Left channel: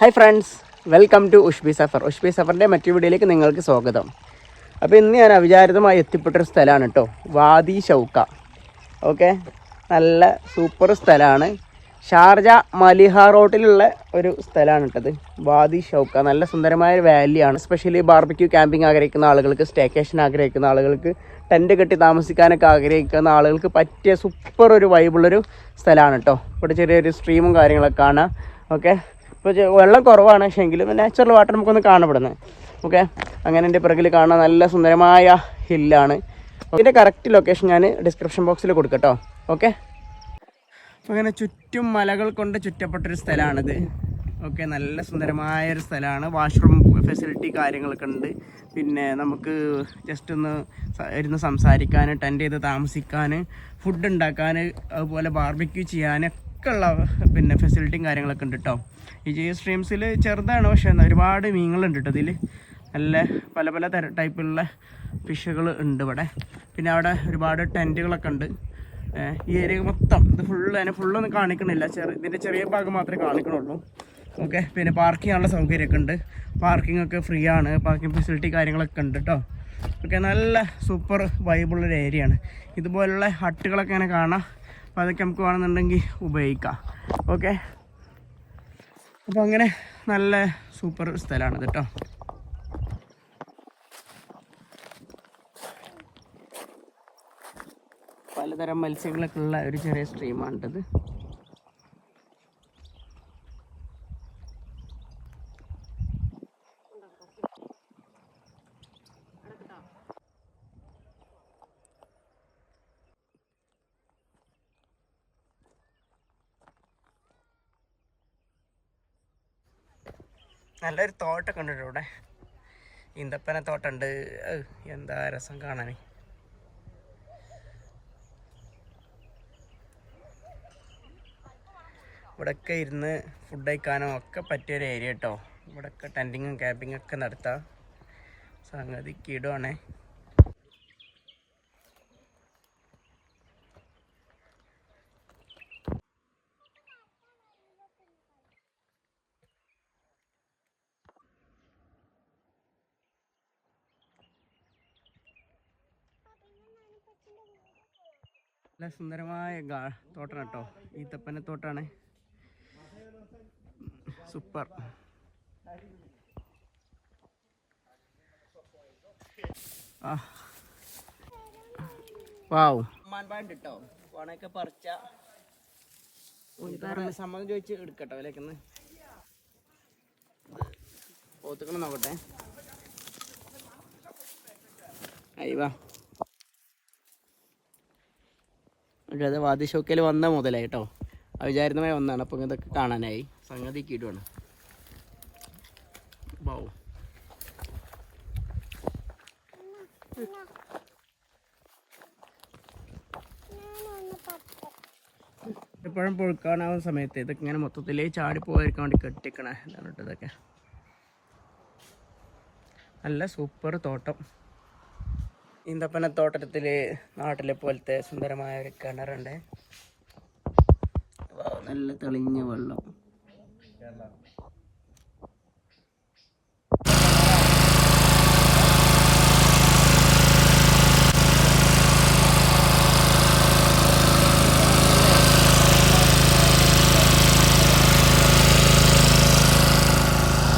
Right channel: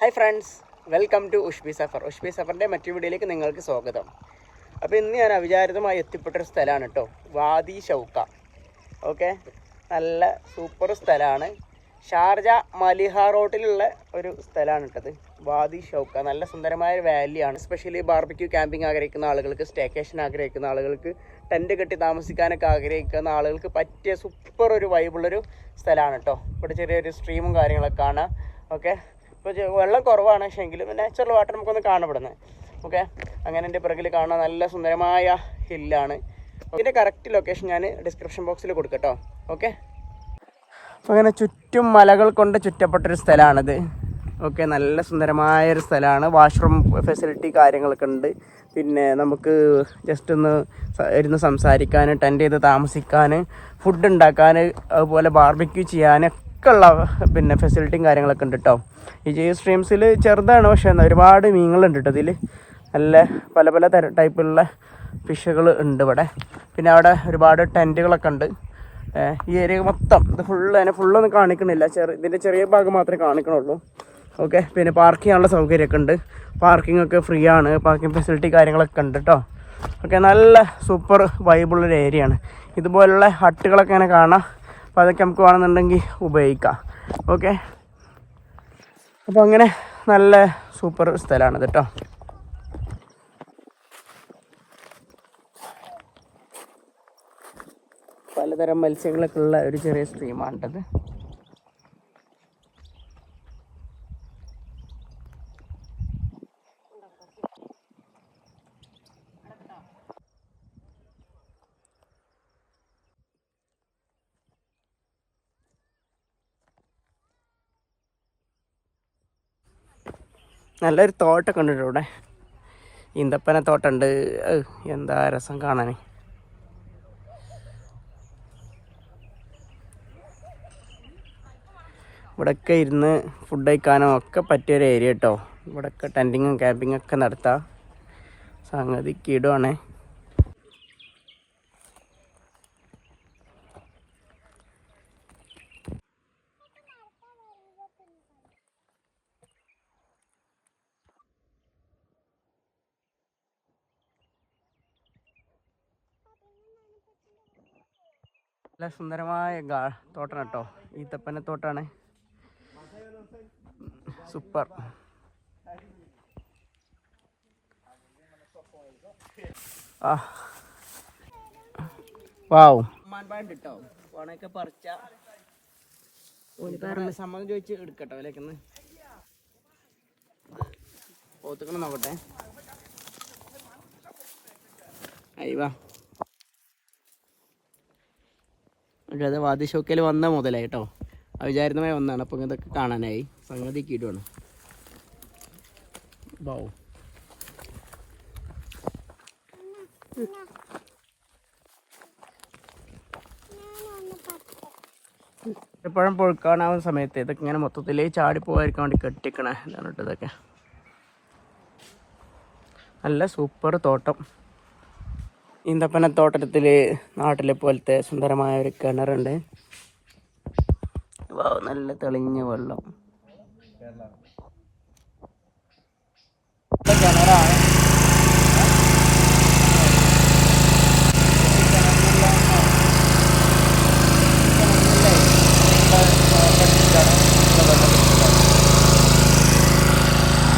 Hi friends, welcome to ഉഷ്ബി സഫറിൻ്റെ മറ്റൊരു വീഡിയോയിലേക്ക് നിങ്ങൾക്ക് സ്വാഗതം. അപ്പോൾ ഇന്ന് ഞാൻ അവിചാരിതമായി എത്തിപ്പെട്ടൊരു സ്ഥലമാണ് കേട്ടോ, വാദി ഷൗക്ക. ഓക്കെ, നല്ല സൂപ്പർ സ്ഥലമാണ്. ഷാർജ മലിഹ റോട്ടിലുള്ള ഒരു സ്ഥലമാണ് കേട്ടത്, വാദി ഷൗക്ക. നല്ല സുന്ദരമായ ഒരു വാലിയാണ്. എസ്പെഷ്യലി ബാർബിക്യൂ ക്യാമ്പിംഗ് ആഗ്രഹിക്കുന്ന ആളുകൾക്ക്, സ്റ്റേക്കേഷൻ ആഗ്രഹിക്കുന്ന ആളുകൾക്ക്, ടെൻറ്റ് കെട്ടി താമസിക്കാനൊക്കെ ആഗ്രഹിക്കുന്ന ആളുകൾക്ക് പറ്റിയ സൂപ്പർ ഒരു വൈബുള്ളൊരു സ്ഥലമാണ് കേട്ടോ. ഇവിടെ ചെറിയൊരു സ്ട്രീമും കാര്യങ്ങളൊക്കെ കാണാം. ഓക്കെ, ഇപ്പോൾ വെള്ളം കുറവാണ്, പക്ഷേ എങ്കിലും നാച്ചുറൽ വാട്ടർ നമുക്കൊന്ന് കാണപ്പെടുന്നത്. ഓക്കെ, അങ്ങനെ എൻ്റെ പിറകിൽ കാണാൻ നല്ല സുന്ദരമായ ഹില്ലാണ്. ഇതിൻ്റെ കറക്റ്റ് ലൊക്കേഷൻ ഞാൻ ഡിസ്ക്രിപ്ഷൻ ബോക്സിൽ കൊടുക്കട്ടോ. ഓക്കെ, അപ്പോൾ അങ്ങനെ ചുറ്റും മലകൾ കൊണ്ട് ചുറ്റപ്പെട്ടൊരു സ്ഥലമാണിത്. ഓക്കെ, നല്ല സുന്ദരമായൊരു സ്ഥലമാണ്. വാഷ്റൂം ഫെസിലിറ്റി കാര്യങ്ങളൊക്കെ ഉണ്ട്. പിന്നെ നമുക്ക് ജസ്റ്റ് ഒന്ന് ഇരുന്ന് സംസാരിക്കാൻ, ടെൻറ്റ് ചെയ്ത് താമസിക്കാൻ, ഫുഡ് ഉണ്ടാക്കാൻ, അതുപോലെ ബാർബിക്യൂ ചെയ്യാനൊക്കെ ഉള്ള പിന്നെ ഫെസിലിറ്റിയും കാര്യങ്ങളൊക്കെ ഉണ്ട് കേട്ടോ. ഈ സ്ട്രീംസിൽ ചെറുതാണ്, പക്ഷേ ഒരുപാട് മീനുകളുണ്ട് കേട്ടോ. ഇതിൽ നല്ല പല പല ടൈപ്പിലുള്ള ഫിഷുകൾ ഉണ്ട് ഇവിടെ. പിന്നെ അവിടെ ഒരുപാട് ടെൻറ്റുകളൊക്കെ ഉണ്ട്. ഈ ഏരിയ മൊത്തം ഇത് ഫുള്ളൊന്നും കാണിക്കണില്ല, ഇതിൻ്റെ ചെറിയ ഭാഗം മാത്രമേ കാണിക്കണുള്ളൂ. ഓക്കെ, പിന്നെ പാർക്ക് ചെയ്യാനുള്ള സൗകര്യമൊക്കെ ഉണ്ട്. പാർക്കിംഗ് ഒക്കെ ഫ്രീ ആണ്, പാർക്കിംഗ് ഫെസിലിറ്റി കാര്യങ്ങളൊക്കെ ഉണ്ട് കേട്ടോ. ഓക്കെ, നല്ല സൂപ്പർ വൈബുള്ളൊരു ഏരിയയാണ്. ഇതുപോലുള്ള ഹട്ടുകളൊക്കെ ഇങ്ങനെ കാണാം. അപ്പോൾ അതൊക്കെ നമുക്ക് വേണമെന്നുണ്ടെങ്കിൽ ഉപയോഗിക്കാം. ഓക്കെ, അപ്പോൾ അങ്ങനെ നല്ല സൂപ്പർ സ്ഥലമാണിത് കേട്ടോ. പലതരം മത്സ്യങ്ങളൊക്കെ ഉള്ള ഒരു ചെറിയ സ്ട്രീമാണിട്ടത്. നല്ലൊരു തോട്ടമൊക്കെ ഉണ്ട് ഇവിടെ, ഈന്തപ്പന തോട്ടമുണ്ട്. എന്താ രസം കാണാൻ. ഇവിടെയൊക്കെ ഇരുന്ന് ഫുഡ് കഴിക്കാനോ ഒക്കെ പറ്റിയൊരു ഏരിയ കേട്ടോ. ഇവിടെയൊക്കെ ടെൻറ്റിങ്ങും ക്യാമ്പിങ്ങും ഒക്കെ നടത്താം. സംഗതി കിടുവാണേ. നല്ല സുന്ദരമായ തോട്ടം കേട്ടോ, ഈത്തപ്പന തോട്ടാണ്. സൂപ്പർ. വാവ്, കേട്ടോ. ഓണൊക്കെ പറിച്ച സമ്മതം ചോദിച്ച് എടുക്കട്ടോ വിലക്കുന്ന്. പോത്തുക്കണം നോക്കട്ടെ. അയ്യവാ, അത് വാദി ഷൗക്കയിൽ വന്ന മുതലായി കേട്ടോ. അവിചാരിതമായി വന്നതാണ്. അപ്പോൾ ഇതൊക്കെ കാണാനായി. സംഗതി കിടുവാണ്. വാവ്, എപ്പോഴും പൊഴുക്കാനാവുന്ന സമയത്ത് ഇതൊക്കെ ഇങ്ങനെ മൊത്തത്തിൽ ചാടിപ്പോകാതിരിക്കാൻ വേണ്ടി കെട്ടിക്കണേ ഇതാണ് കേട്ടോ. ഇതൊക്കെ നല്ല സൂപ്പർ തോട്ടം. ഈന്തപ്പന തോട്ടത്തിൽ നാട്ടിലെ പോലത്തെ സുന്ദരമായ ഒരു കിണറുണ്ട്. നല്ല തെളിഞ്ഞ വെള്ളം. കിണറാണ്.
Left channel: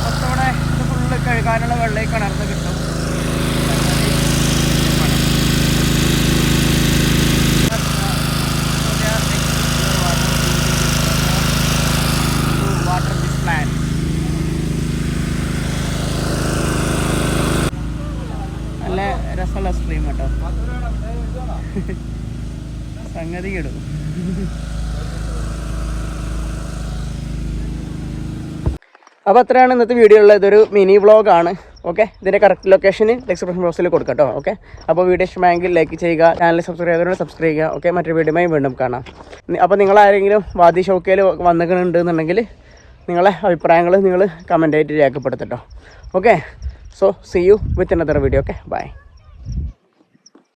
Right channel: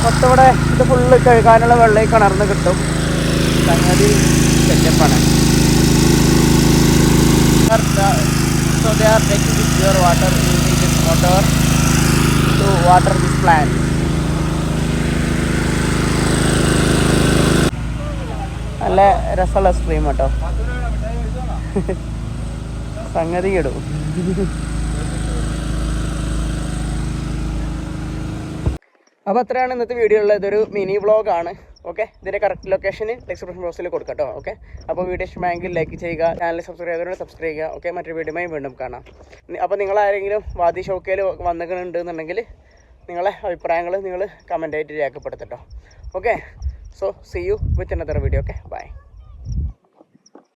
മൊത്തവിടെ ഇത് ഫുള്ള് കഴുകാനുള്ള വെള്ളം കിണർന്ന് കിട്ടും. സംഗതി സെറ്റപ്പാണ്. water this plant. നല്ല രസമുള്ള സ്ട്രീം കേട്ടോ. സംഗതി ഇടും. അപ്പോൾ അത്രയാണ് ഇന്നത്തെ വീഡിയോ ഉള്ളത്. ഇതൊരു മിനി വ്ളോഗാണ്. ഓക്കെ, ഇതിൻ്റെ കറക്റ്റ് ലൊക്കേഷന് ഡിസ്ക്രിപ്ഷൻ ബോക്സിൽ കൊടുക്കാം കേട്ടോ. ഓക്കെ, അപ്പോൾ വീഡിയോ ഇഷ്ടമായെങ്കിൽ ലൈക്ക് ചെയ്യുക, ചാനൽ സബ്സ്ക്രൈബ് ചെയ്തവരോട് സബ്സ്ക്രൈബ് ചെയ്യുക. ഓക്കെ, മറ്റൊരു വീഡിയോയുമായി വീണ്ടും കാണാം. അപ്പോൾ നിങ്ങളാരെങ്കിലും വാദി ഷൗക്കയിൽ വന്നിട്ടുണ്ടെന്നുണ്ടെങ്കിൽ നിങ്ങളെ അഭിപ്രായങ്ങൾ നിങ്ങൾ കമൻ്റായിട്ട് രേഖപ്പെടുത്തട്ടോ. Okay, so see you with another video. Okay, by.